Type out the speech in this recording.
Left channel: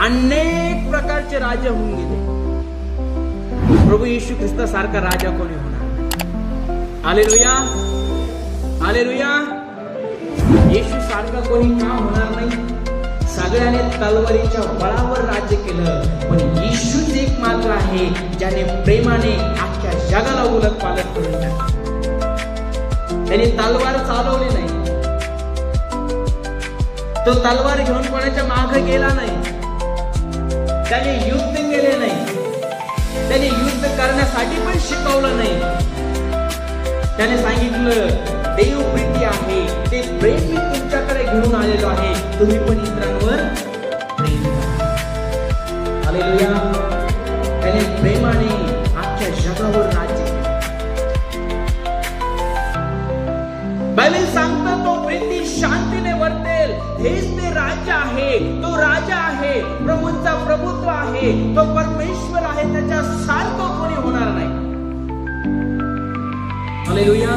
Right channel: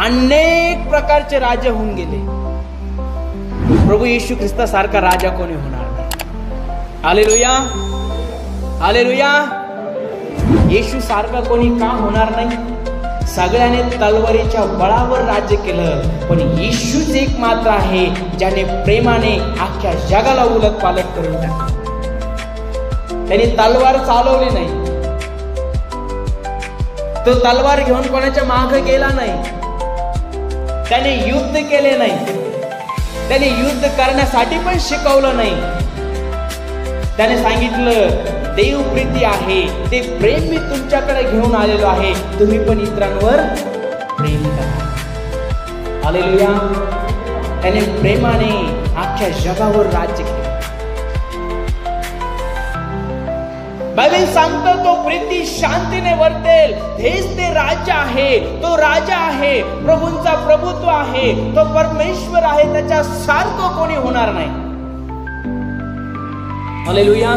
अनेक प्रकारचे राजे होऊन गेले, प्रभू येशू ख्रिस्तासारखा राजा कोणी होणार नाही. Hallelujah, hallelujah. येशू सारखा कोणी का होणार नाही? सगळ्याने तलवारीच्या बळावर राज्य केलं, पण येशूच एक मात्र आहे ज्याने प्रेमाने अख्ख्या जगाला उलट पालट करून टाकले. त्यांनी तलवार चालवली नाही, तो तलवार घेऊन कोणाच्या मागे गेला नाही, त्याने युद्ध केले नाही, त्याने युद्ध करण्यासाठी पण शिकवलं नाही. त्याने सांगितलं देव प्रीती आहे, ते प्रेम मी तुमच्याकडे घेऊन आलेलो आहे, तुम्ही पण इतरांवर प्रेम करा. हालेलुया. त्याने प्रेमाने अख्ख्या जगावर राज्य केलं. बायबल सांगतो तो प्रीती शांतीने वर्तेल, हेच ते राजा आहे, तो राजा आहे, प्रभूंचा प्रभुत्व आहे, तो परमेश्वर आहे, त्याच्या सारखं कोणी होणार नाही. हालेलुया.